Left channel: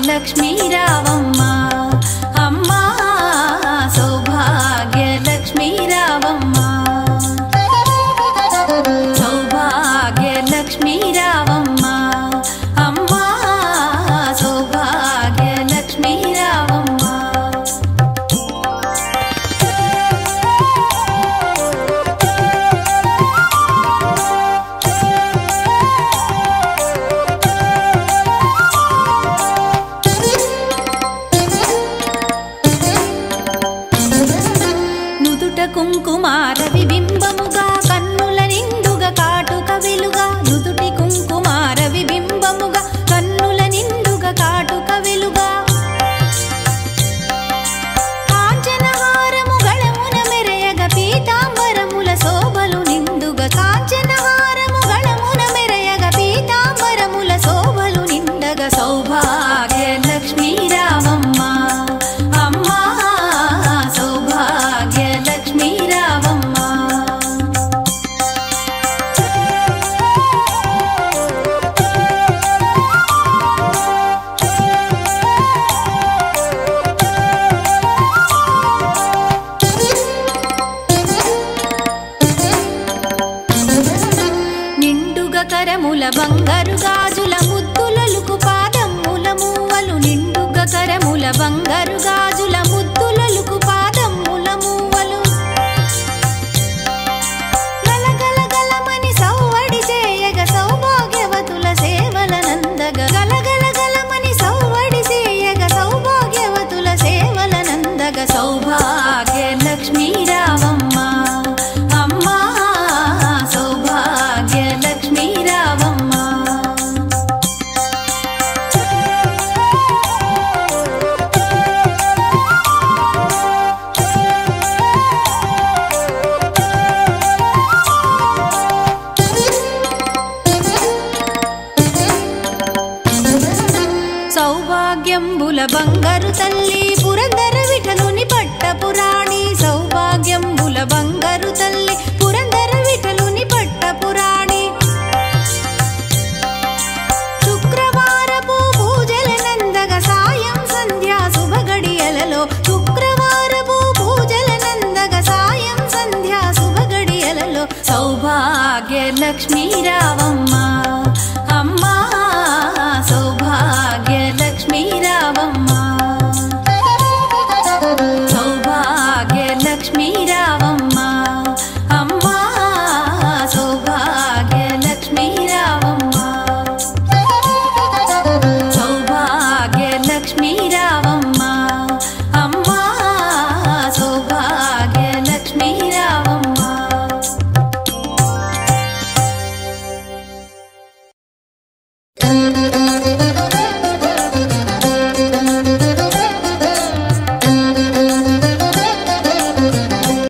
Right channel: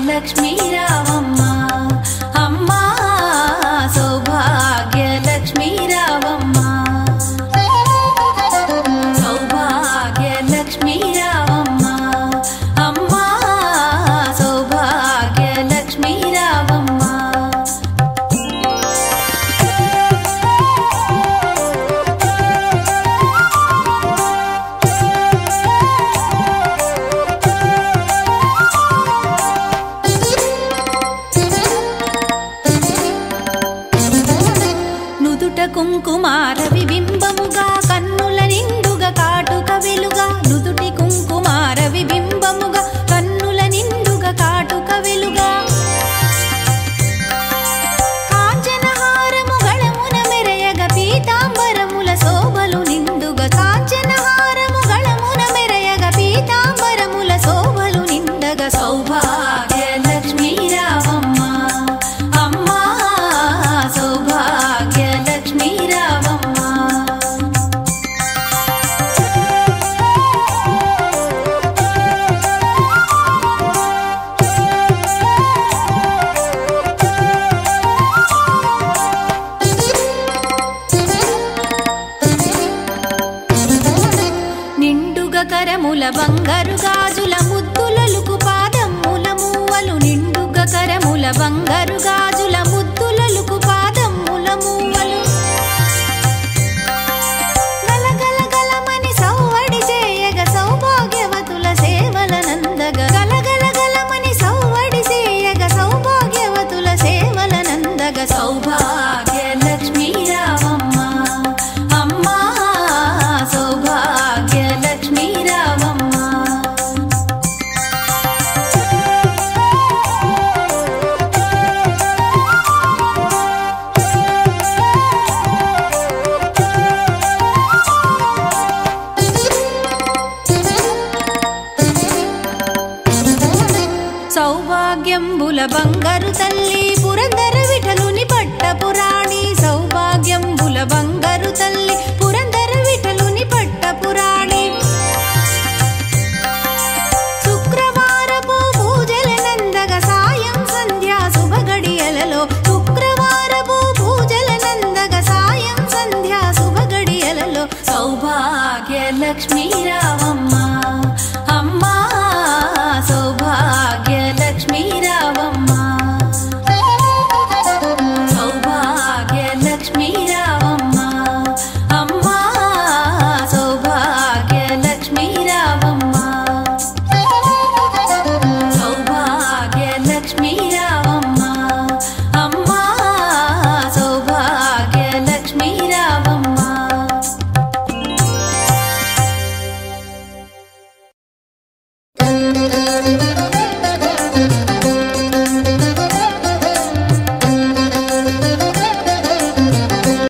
लक्ष्मी रावम्मा अम्मा सौभाग्य लक्ष्मी रावम्मा सौभाग्य लक्ष्मी रावम्मा अम्मा सौभाग्य लक्ष्मी रावम्मा కుంకుమార విబింబముగా కన్నుల నిండుగా కాటుక వెలుగా నుదుటి కుంకుమార విబింబముగా కన్నుల నిండుగా కాటుక వెలుగా కాంచనహారము గళమున మెరయగ పీతాంబరముల శోభలు నిండుగా కాంచనహారము గళమున మెరయగ పీతాంబరముల శోభలు నిండగా సౌభాగ్య లక్ష్మీ రావమ్మ అమ్మా సౌభాగ్య లక్ష్మీ రావమ్మ నిండుగా కరముల బంగారు గాజుల ముద్దులలుకు పాదముల మూవలు నిండుగా కరముల బంగారు గాజుల ముద్దులలుకు పాదముల మూవలు గలగలగలమని సౌవడి చేయగ సౌభాగ్యవతుల సేవల నందగ గలగలగలమని సౌవడి చేయగ సౌభాగ్యవతుల సేవల నందగ సౌభాగ్య లక్ష్మీ రావమ్మ అమ్మా సౌభాగ్య లక్ష్మీ రావమ్మ సౌభాగ్యంబుల బంగారు తల్లి పురందర విఠలుని పట్టపురాణి సౌభాగ్యంబుల బంగారు తల్లి పురందర విఠలుని పట్టపురాణి శుక్రవారపు పూజల నందగ సాయం సంధ్యా శుభగడియలలో శుక్రవారపు పూజల నందగ సాయం సంధ్యా శుభగడియలలో సౌభాగ్య లక్ష్మీ రావమ్మ అమ్మా సౌభాగ్య లక్ష్మీ రావమ్మ సౌభాగ్య లక్ష్మీ రావమ్మ అమ్మా సౌభాగ్య లక్ష్మీ రావమ్మ సౌభాగ్య లక్ష్మీ రావమ్మ అమ్మా సౌభాగ్య లక్ష్మీ రావమ్మ